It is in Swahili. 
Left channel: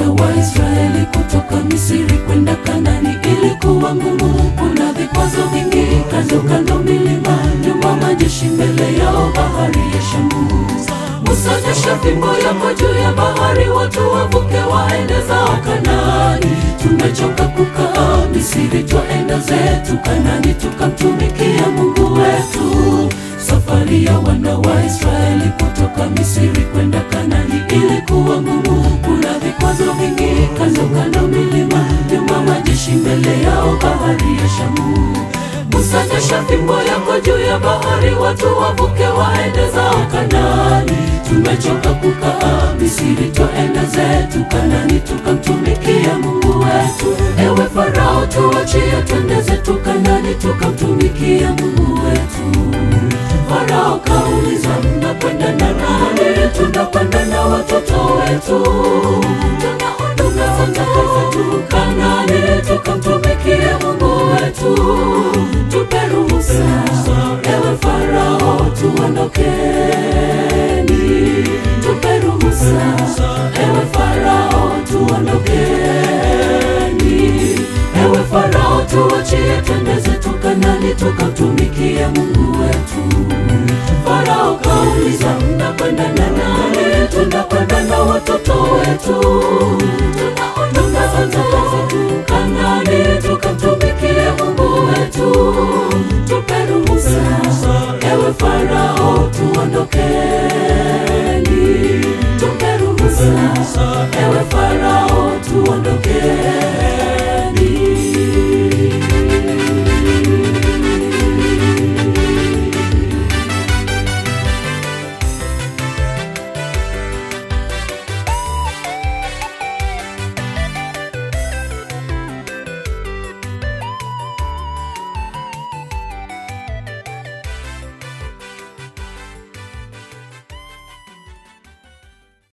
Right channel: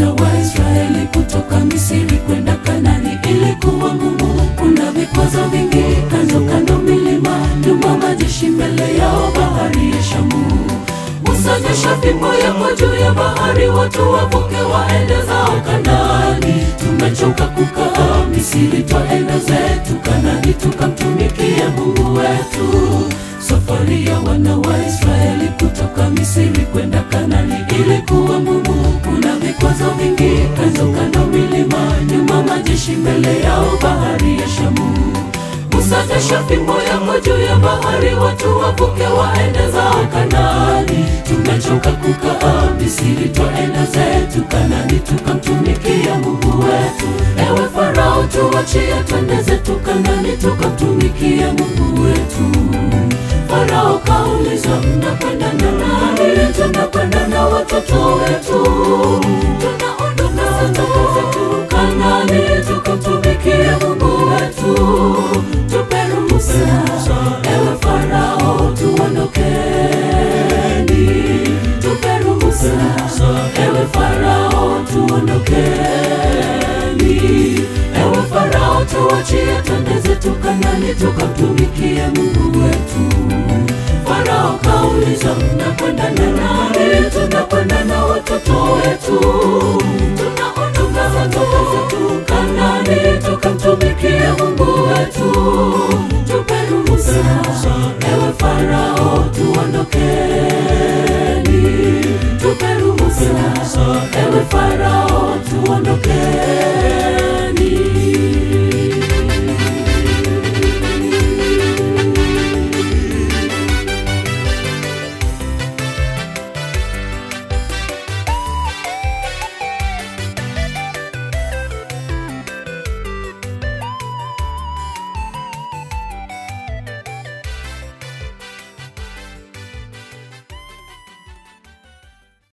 wana wa Israeli kutoka Misri kwenda Kanani ilikuwa ngumu. Kuna vikwazo vingi, kando kando milima, nyuma majeshi, mbele yao bahari ya Shamu. Musa, nyosha fimbo yako juu ya bahari, watu wavuke waende zao Kanani. Tumechoka kukaa Misri, twaenda zetu Kanani tukamtumikia Mungu wetu. Safari ya wana wa Israeli kutoka Misri kwenda Kanani ilikuwa ngumu. Kuna vikwazo vingi, kando kando milima, nyuma majeshi, mbele yao bahari ya Shamu. Musa, nyosha fimbo yako juu ya bahari, watu wavuke waende zao Kanani. Tumechoka kukaa Misri, twaenda zetu Kanani tukamtumikia Mungu wetu. Ewe Farao, tuachie twende zetu Kanani tukamtumikia Mungu wetu. Farao kauliza, mnakwenda na nani? Tunakwenda na watoto wetu. Tunaondoka zetu Kanani tukamtumikia Mungu wetu. Tupe ruhusa, ewe Farao, tuondokeni. Tupe ruhusa, ewe Farao, tuondokeni. Ewe Farao, tuachie twende zetu Kanani tukamtumikia Mungu wetu.